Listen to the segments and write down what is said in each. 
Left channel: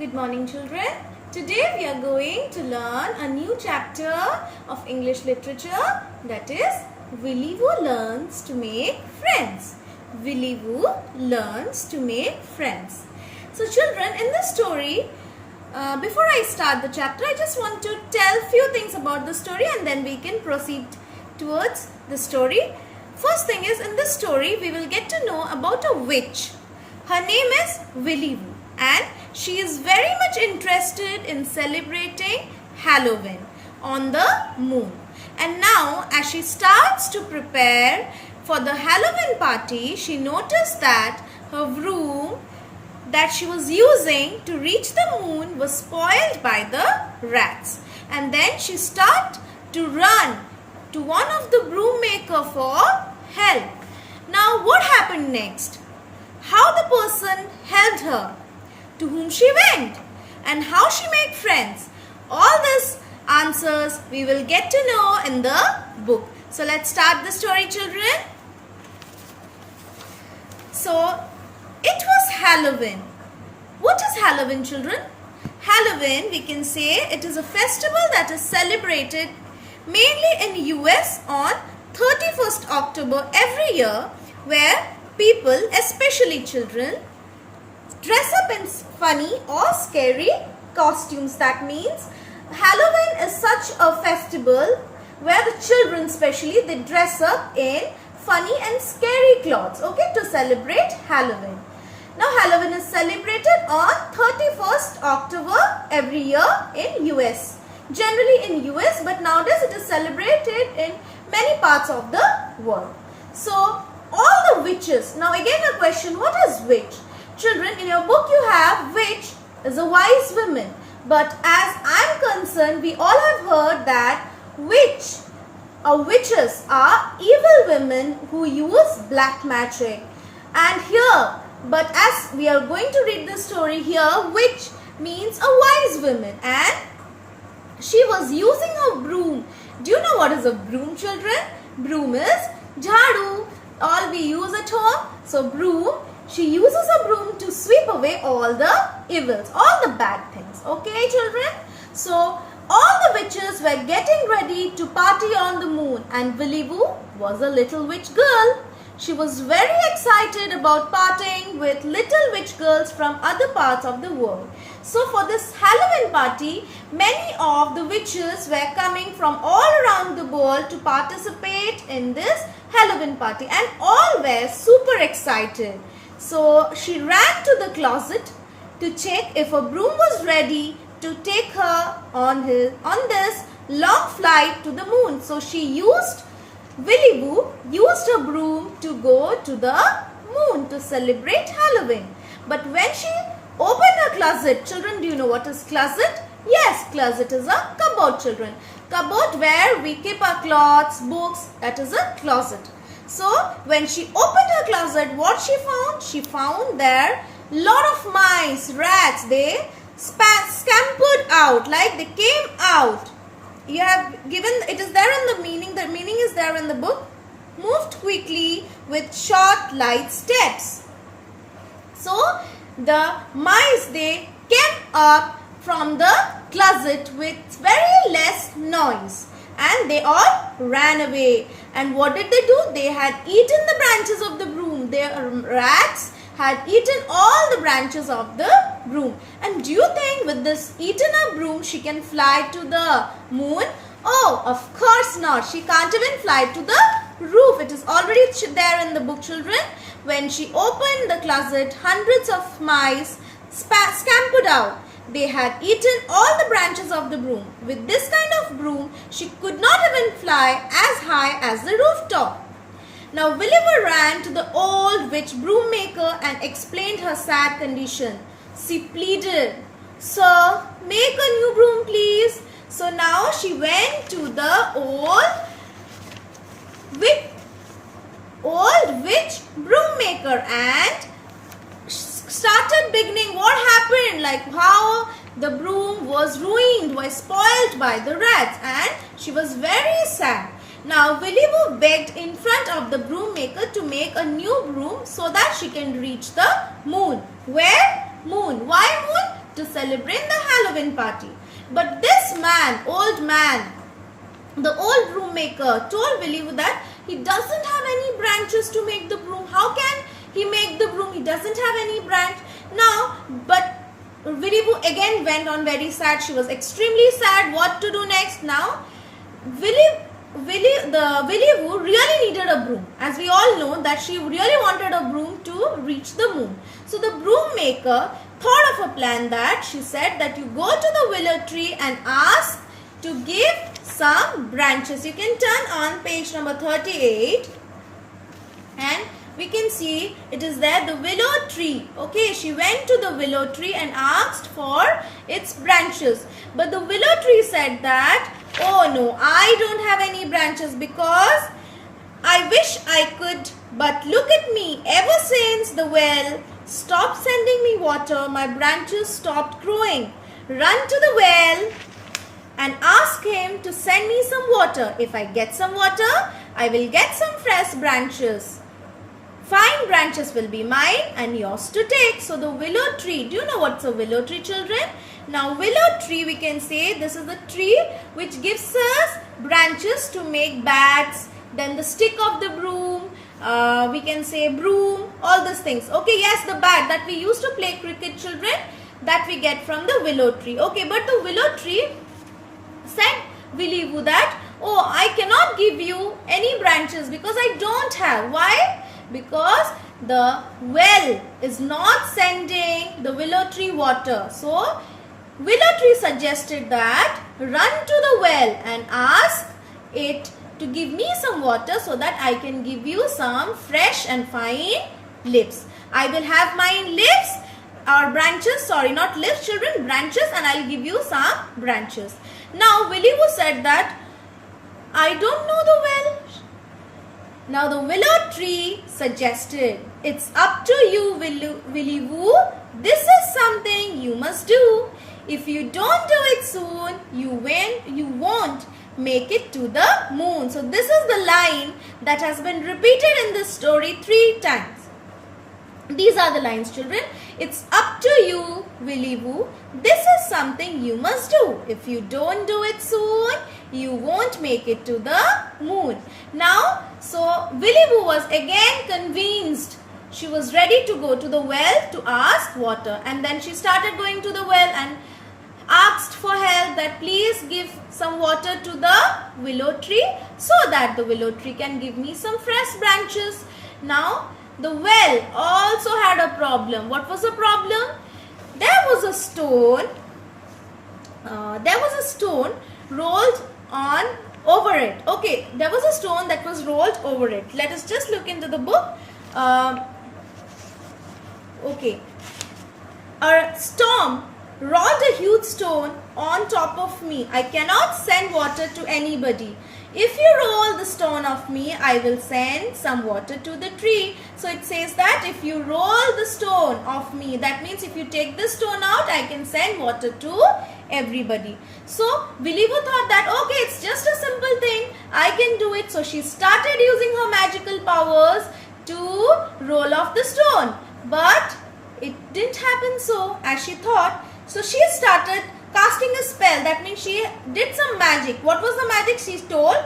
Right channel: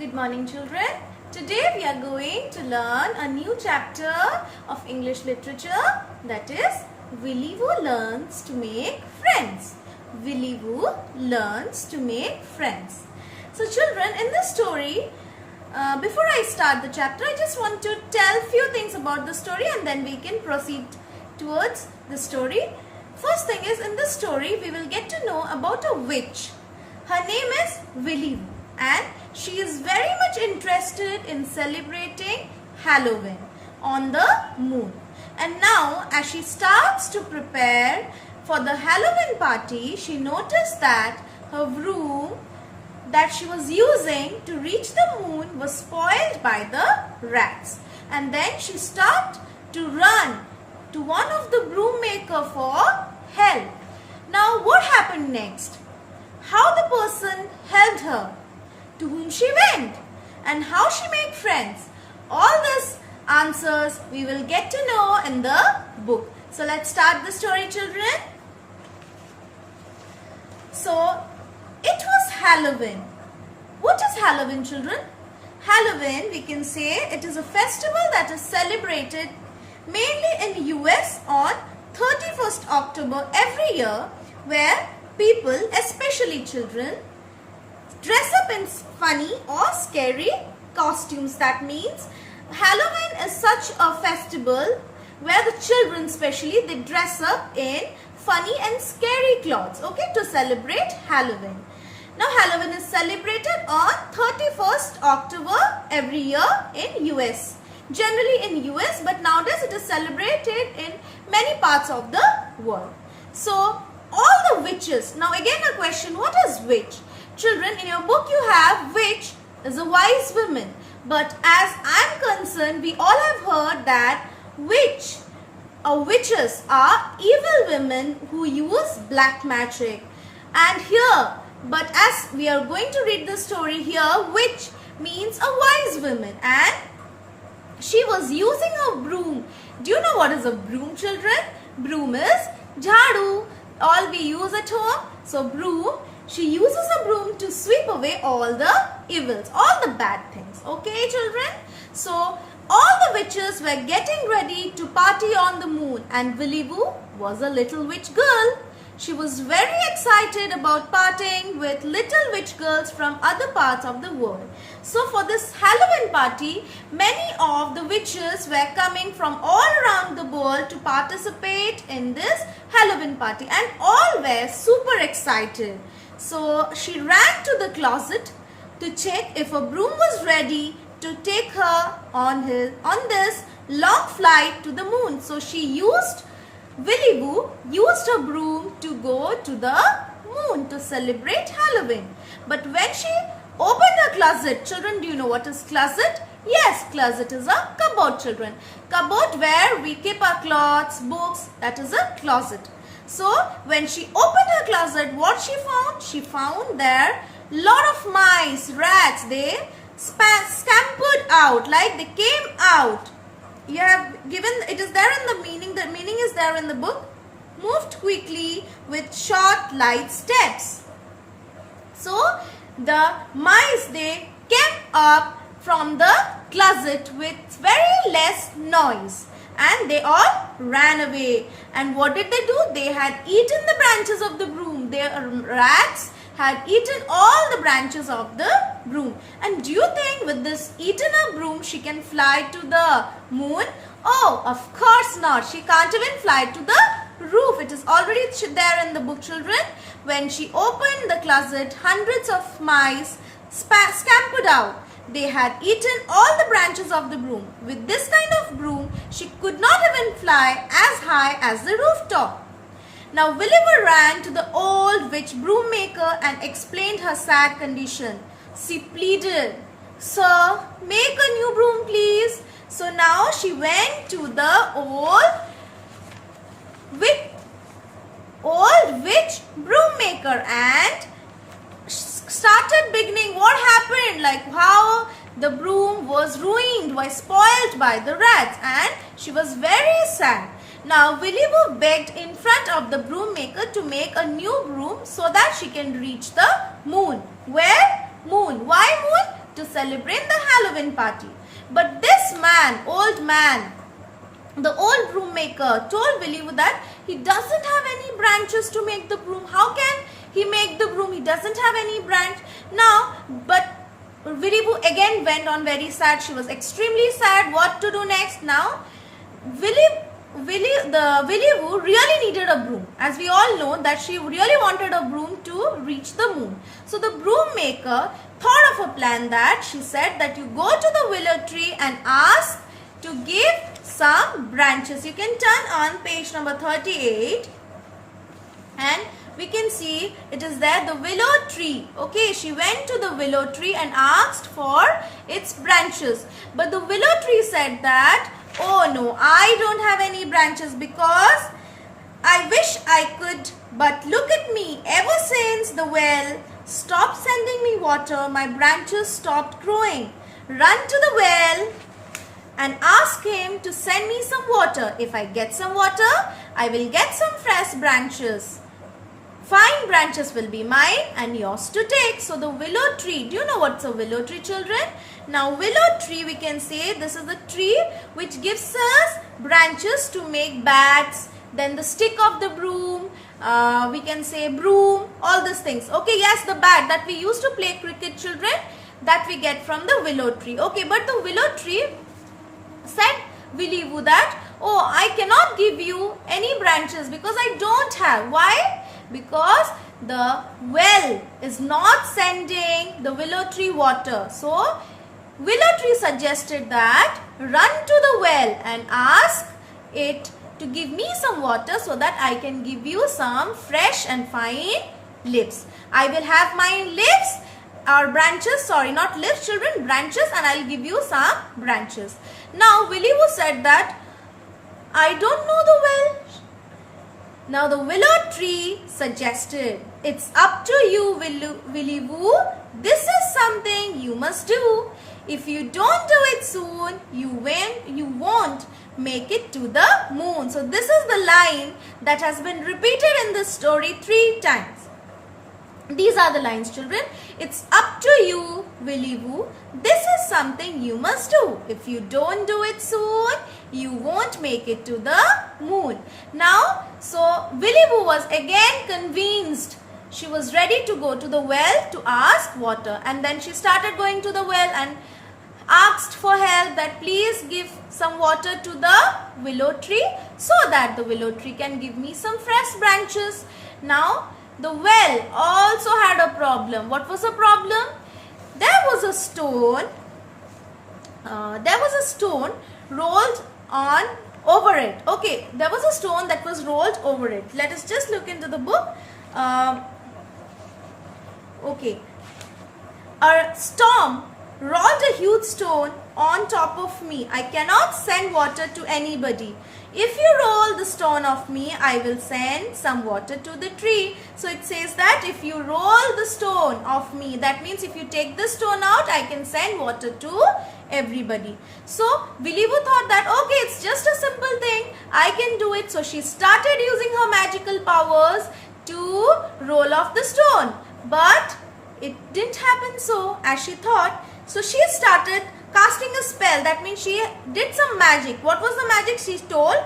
Good morning, children. Today we are going to learn a new chapter of English literature, that is Willy Woo Learns to Make Friends. Willy Woo learns to make friends. So children, in this story, before I start the chapter, I just want to tell few things about the story and then we can proceed towards the story. First thing is, in this story we will get to know about a witch. Her name is Willy Woo and she is very much interested in celebrating Halloween on the moon. And now as she starts to prepare for the Halloween party, she noticed that her broom that she was using to reach the moon was spoiled by the rats. And then she started to run to one of the broom maker for help. Now what happened next? How the person helped her, to whom she went, and how she made friends. All these answers we will get to know in the book. So let's start the story, children. So it was Halloween. What is Halloween, children? Halloween, we can say it is a festival that is celebrated mainly in US on 31st October every year, where people, especially children, dress up in funny or scary costumes. That means Halloween is such a festival where the children especially, they dress up in funny and scary clothes, okay, to celebrate Halloween. Now Halloween is celebrated on 31st October every year in US. Generally in US, but nowadays it is celebrated in many parts of the world. So all the witches. Now again a question, what is witch? Children, in your book you have witch is a wise woman. But as I am concerned, we all have heard that witches are evil women who use black magic. And here, but as we are going to read the story here, witch means a wise woman. And she was using a broom. Do you know what is a broom, children? Broom is jhadu. All we use at home. So broom, she uses a broom to sweep away all the evils, all the bad things. Okay, children? So all the witches were getting ready to party on the moon, and Willy Woo was a little witch girl. She was very excited about partying with little witch girls from other parts of the world. So for this Halloween party, many of the witches were coming from all around the world to participate in this Halloween party, and all were super excited. So she ran to the closet to check if a broom was ready to take her on this long flight to the moon. So Willy Woo used a broom to go to the moon to celebrate Halloween. But when she opened her closet, children, do you know what is closet? Yes, closet is a cupboard, children. Cupboard where we keep our clothes, books, that is a closet. So when she opened her closet, what she found? She found there lot of mice, rats. They scampered out, like they came out. You have given, it is there in the meaning is there in the book. Moved quickly with short light steps. So the mice, they came up from the closet with very less noise, and they all ran away. And what did they do? They had eaten the branches of the broom. Their rats had eaten all the branches of the broom. And do you think with this eaten a broom she can fly to the moon? Oh, of course not. She can't even fly to the roof. It is already there in the book, children. When she opened the closet, hundreds of mice scampered out. They had eaten all the branches of the broom. With this kind of broom, she could not even fly as high as the rooftop. Now Willy Woo ran to the old witch broom maker and explained her sad condition. She pleaded, "Sir, make a new broom, please." So now she went to the old witch broom maker and started beginning what happened, like how the broom was ruined, was spoiled by the rats, and she was very sad. Now Willy Woo begged in front of the broom maker to make a new broom so that she can reach the moon. Where? Moon. Why moon? to celebrate the Halloween party. But this man, the old broom maker, told Willy Woo that he doesn't have any branches to make the broom. How can he make the broom? He doesn't have any branch. Now, but Willy Woo again went on very sad. She was extremely sad. What to do next? Now, Willy Woo really needed a broom. As we all know that she really wanted a broom to reach the moon. So the broom maker thought of a plan that she said that you go to the willow tree and ask to give some branches. You can turn on page number 38 and we can see it is there, the willow tree. Okay, she went to the willow tree and asked for its branches. But the willow tree said that, oh no, I don't have any branches because I wish I could, but look at me. Ever since the well stopped sending me water, my branches stopped growing. Run to the well and ask him to send me some water. If I get some water, I will get some fresh branches. Fine branches will be mine and yours to take. So the willow tree, do you know what's a willow tree, children? Now willow tree, we can say this is the tree which gives us branches to make bats. Then the stick of the broom, we can say broom, all these things. Okay, yes, the bat that we used to play cricket, children, that we get from the willow tree. Okay, but the willow tree said Willy Woo that, oh, I cannot give you any branches because I don't have. Why? Because the well is not sending the willow tree water. So willow tree suggested that run to the well and ask it to give me some water so that I can give you some fresh and fine leaves. I will have my leaves or branches, sorry, not leaves, children, branches, and I'll give you some branches. Now Willy Woo said that I don't know the well. Now the willow tree suggested, it's up to you, Willy Woo. This is something you must do. If you don't do it soon, you won't make it to the moon. So this is the line that has been repeated in this story 3 times. These are the lines, children. It's up to you, Willy Woo. This is something you must do. If you don't do it soon, you won't make it to the moon. Now, so Willy Woo was again convinced. She was ready to go to the well to ask water. And then she started going to the well and asked for help that please give some water to the willow tree so that the willow tree can give me some fresh branches. Now, the well also had a problem. What was the problem? There was a stone. Rolled on over it. Okay, there was a stone that was rolled over it. Let us just look into the book. Okay. A storm rolled a huge stone on top of me. I cannot send water to anybody. If you roll the stone off me, I will send some water to the tree. So it says that if you roll the stone off me, that means if you take the stone out, I can send water to everybody. So Willy Woo thought that, okay, it's just a simple thing. I can do it. So she started using her magical powers to roll off the stone. But it didn't happen so as she thought. So she started casting a spell. That means she did some magic. What was the magic? She told,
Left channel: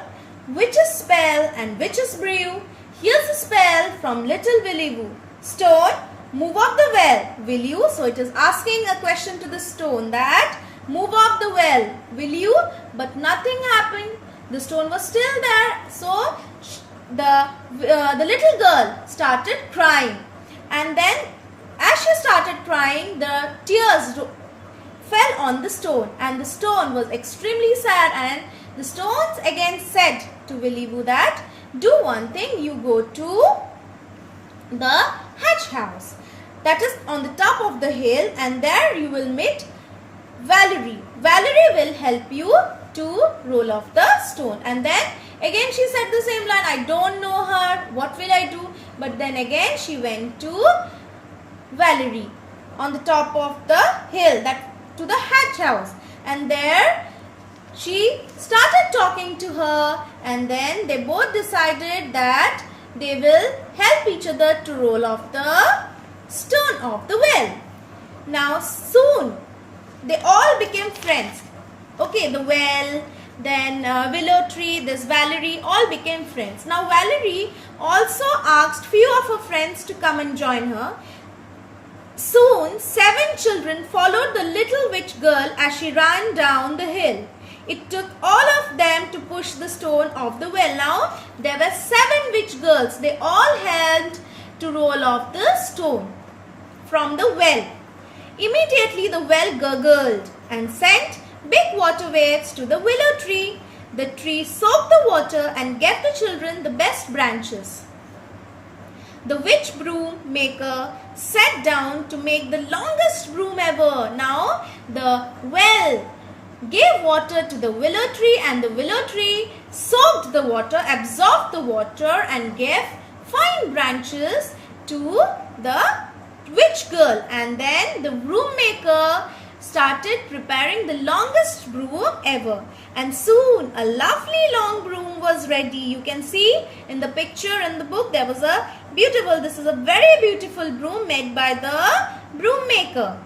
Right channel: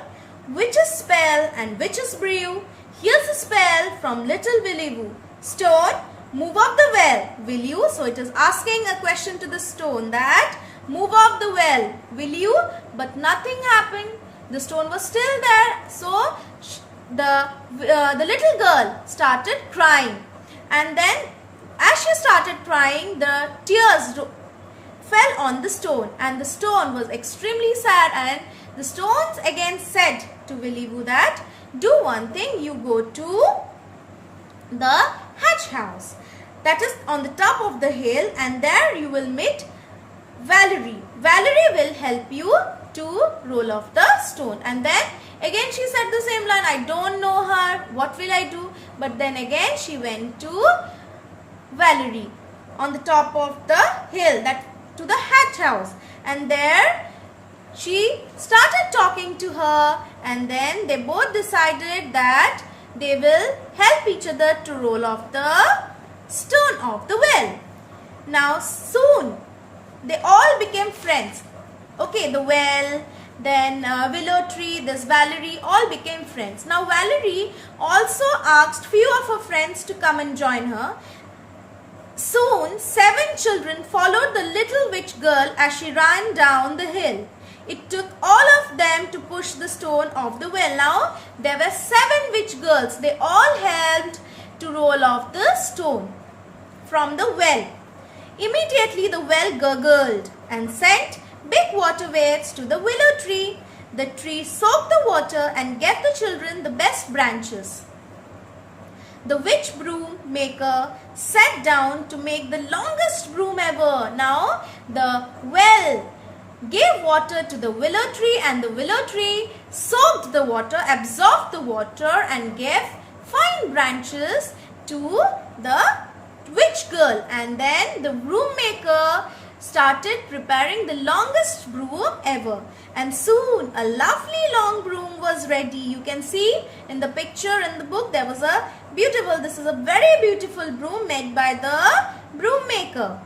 witch's spell and witch's brew. Here's a spell from little Willy Woo. Stone, move off the well. Will you? So it is asking a question to the stone that, move off the well. Will you? But nothing happened. The stone was still there. So the little girl started crying. And then as she started crying, the tears fell on the stone, and the stone was extremely sad, and the stones again said to Willy Woo that, do one thing, you go to the hatch house that is on the top of the hill, and there you will meet Valerie. Valerie will help you to roll off the stone. And then again she said the same line, I don't know her, what will I do? But then again she went to Valerie on the top of the hill, that to the hatch house, and there she started talking to her, and then they both decided that they will help each other to roll off the stone of the well. Now soon they all became friends. Okay, the well, then Willow Tree, this Valerie, all became friends. Now Valerie also asked few of her friends to come and join her. Soon 7 children followed the little witch girl as she ran down the hill. It took all of them to push the stone off the well. Now there were 7 witch girls. They all helped to roll off the stone from the well. Immediately the well gurgled and sent big water waves to the willow tree. The tree soaked the water and gave the children the best branches. The witch broom maker sat down to make the longest broom ever. Now the well gave water to the willow tree, and the willow tree soaked the water, absorbed the water and gave fine branches to the witch girl. And then the broom maker started preparing the longest broom ever, and soon a lovely long broom was ready. You can see in the picture in the book there was a beautiful, this is a very beautiful broom made by the broom maker.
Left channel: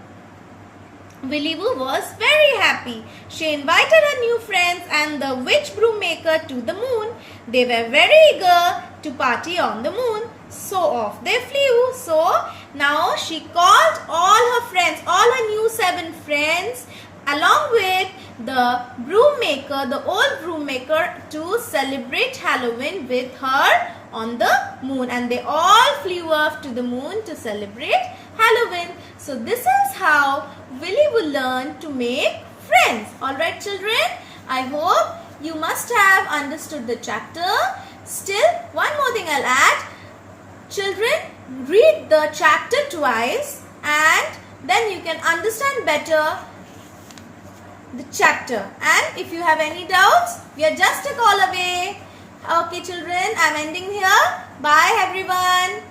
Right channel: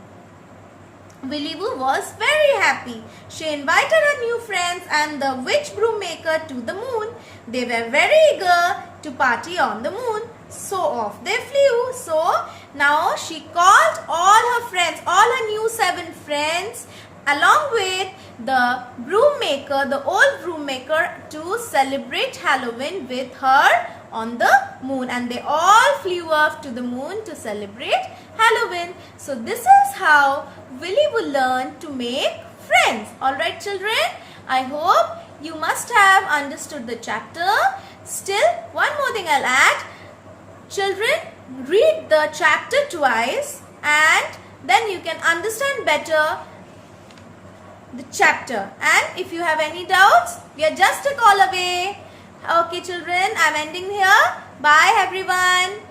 Willy Woo was very happy. She invited her new friends and the witch broom maker to the moon. They were very eager to party on the moon. So off they flew. So now she called all her friends, all her new 7 friends, along with the broom maker, the old broom maker, to celebrate Halloween with her on the moon. And they all flew off to the moon to celebrate Halloween. So this is how Willy Woo learned to make friends. Alright children, I hope you must have understood the chapter. Still, one more thing I'll add. Children, read the chapter twice and then you can understand better the chapter. And if you have any doubts, we are just a call away. Okay children, I'm ending here. Bye everyone.